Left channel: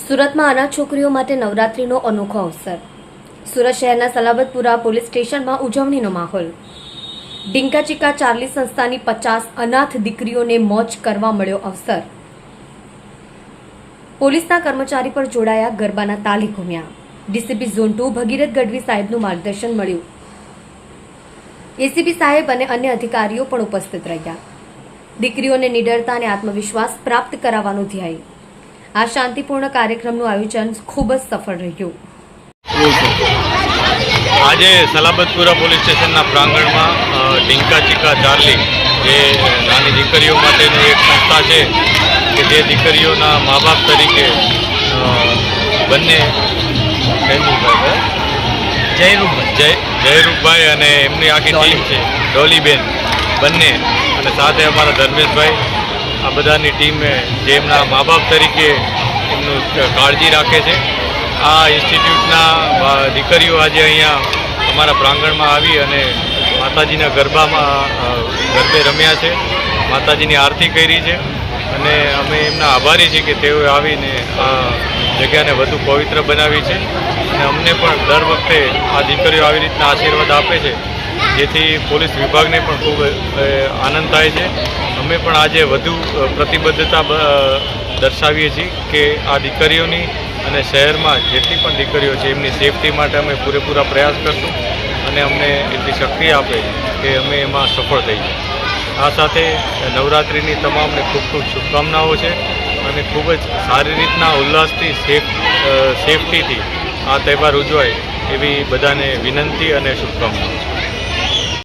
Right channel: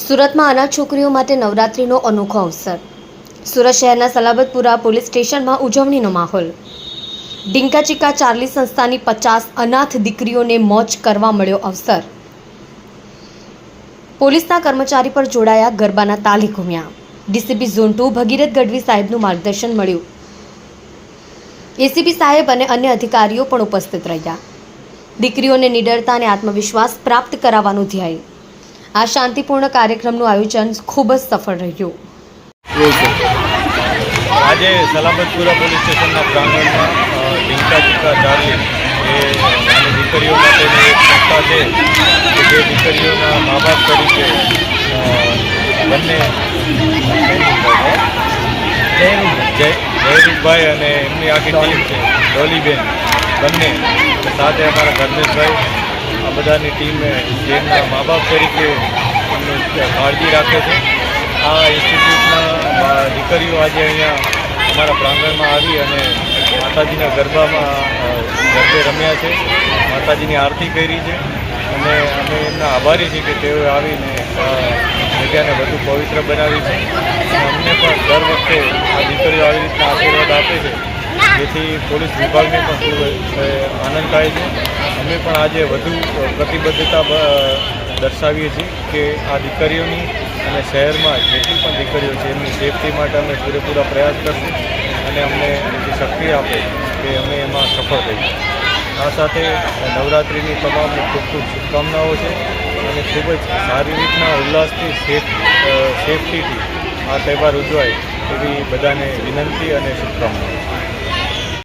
સુરતમાં અનાથ છોકરીઓ માટે નવરાત્રીનો અનોખો અવસર। સુરત શહેરના સલાબતપુરા પોલીસ સ્ટેશનમાં ઉજવણીનો માહોલ। ડીંકા ચીકા ચાર્લી સંસ્થાની 50 અનાથ દીકરીઓને મોજ કરવા મળ્યો અવસર। પોલીસના કર્મચારી પર જોડાયા ગરબાના તાલે ઘૂમ્યા। ડીસીપી ઝોન 2 ભગીરથ ગઢવી સાહેબનું માર્ગદર્શન મળ્યું। એસીપી સાહેબ અને અન્ય અધિકારીઓ પણ ઉપસ્થિત રહ્યા। દીકરીઓને નિડરતા અને આત્મવિશ્વાસ પ્રાપ્ત કરાવવાનું ધ્યેય। આ શાંતિપૂર્ણ કાર્યક્રમનું આયોજન ખૂબ જ સફળ રહ્યું। આજે સલાબતપુરા પોલીસ સ્ટેશનના પ્રાંગણમાં ડીંકા ચીકા ચાર્લી એ નાની દીકરીઓ માટેની એક સંસ્થા છે કે જે દીકરીઓના મા બાપ તરીકે બંને જયરૂપભાઈ અને એમની આખી ટીમ છે ડોલીબેન બંને અને સાથે અમારા ધર્મેશભાઈ આ બધાની ટીમે જેમના મા બાપ તરીકે એમનું કાળજી રાખે છે। આ ઇન્સ્ટિટ્યૂટના દીકરીઓ આજે અહીંયા અમારા પ્રાંગણમાં આવી અને માતાજીના ગરબે રમ્યા છે, માતાજીની આરતી કરી છે અને અમે એમના આભારી છીએ કે તેઓએ આવીને આ જગ્યાને વધુ પવિત્ર બનાવી છે અને અમને પણ દર વખતે આ દીકરીઓ આવી રીતના આશીર્વાદ આપે છે જેથી પોલીસ વિભાગને પણ ખૂબ આનંદ થાય છે। અમે પણ આજે વધુ પ્રતિબદ્ધતા દર્શાવીએ છીએ કે આ દીકરીઓની અને શહેરમાં જેટલી પણ દીકરીઓ છે એમની સેફટી માટે અમે પૂરેપૂરા પ્રયાસ કરશું અને અમને એટલી શક્તિ આપે કે અમે એમાં સફળ થઈએ। આ સાથે નવરાત્રિની તમામને ખૂબ ખૂબ શુભકામનાઓ છે અને ખૂબ જ સારી રીતના ઉલ્લાસથી સેફટીથી આ તહેવાર ઉજવાય એવી બધાને વિનંતી અને શુભકામનાઓ।